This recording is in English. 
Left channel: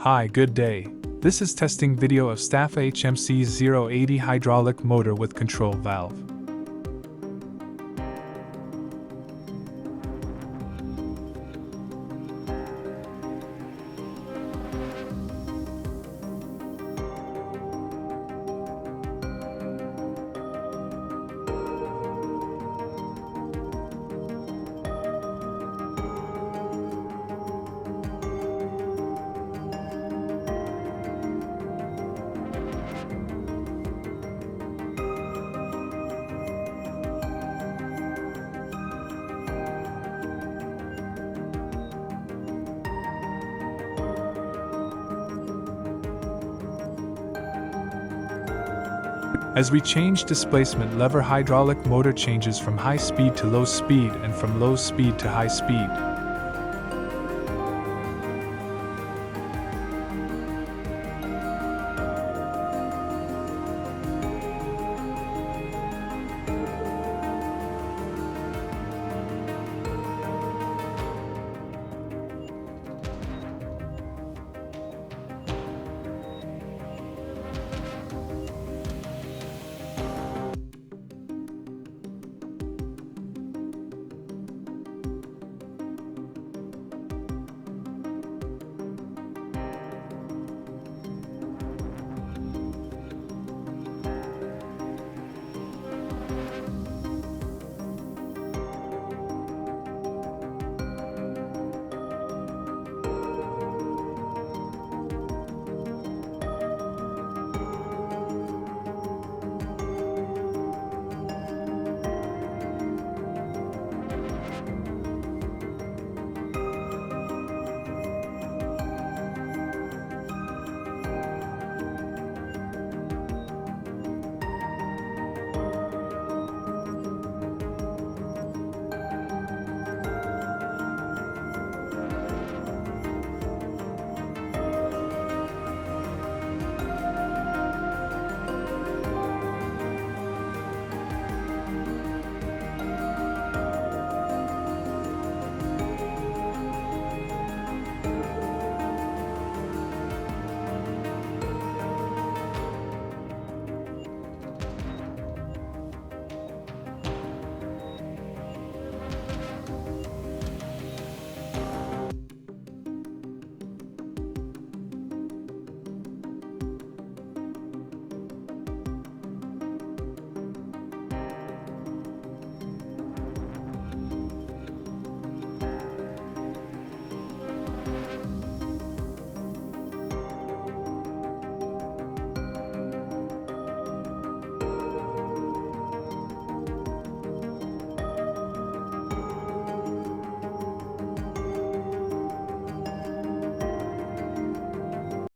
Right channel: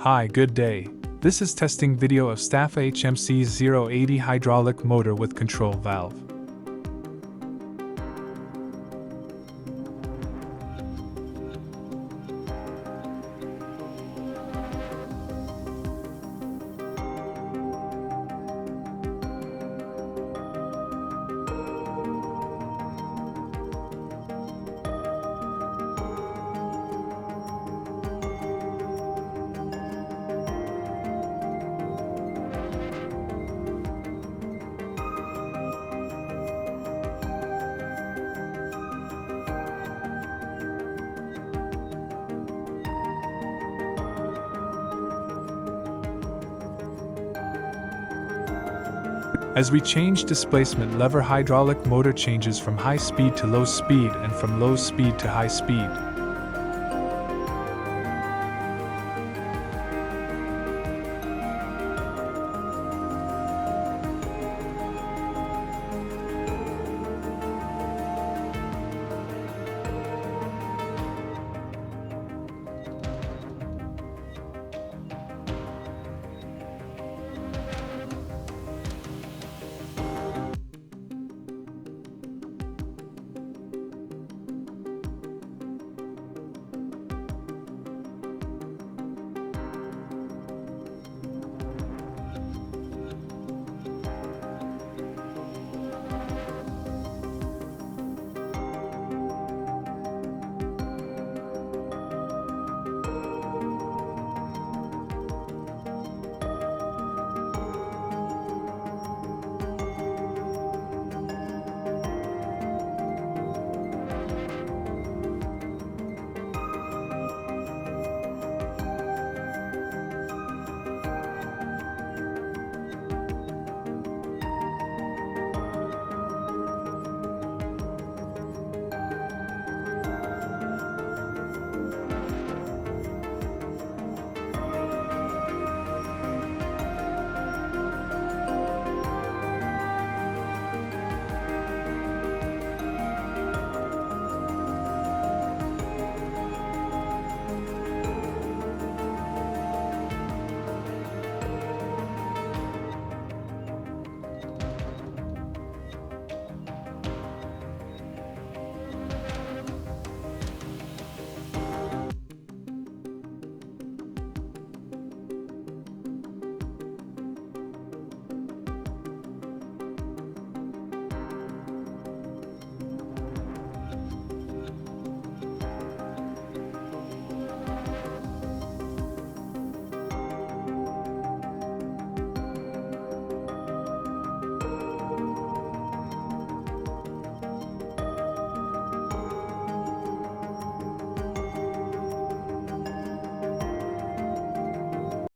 Hi, good day. This is testing video of Staffa HMC's 080 hydraulic motor with control valve. As we change displacement lever, hydraulic motor changes from high speed to low speed and from low speed to high speed.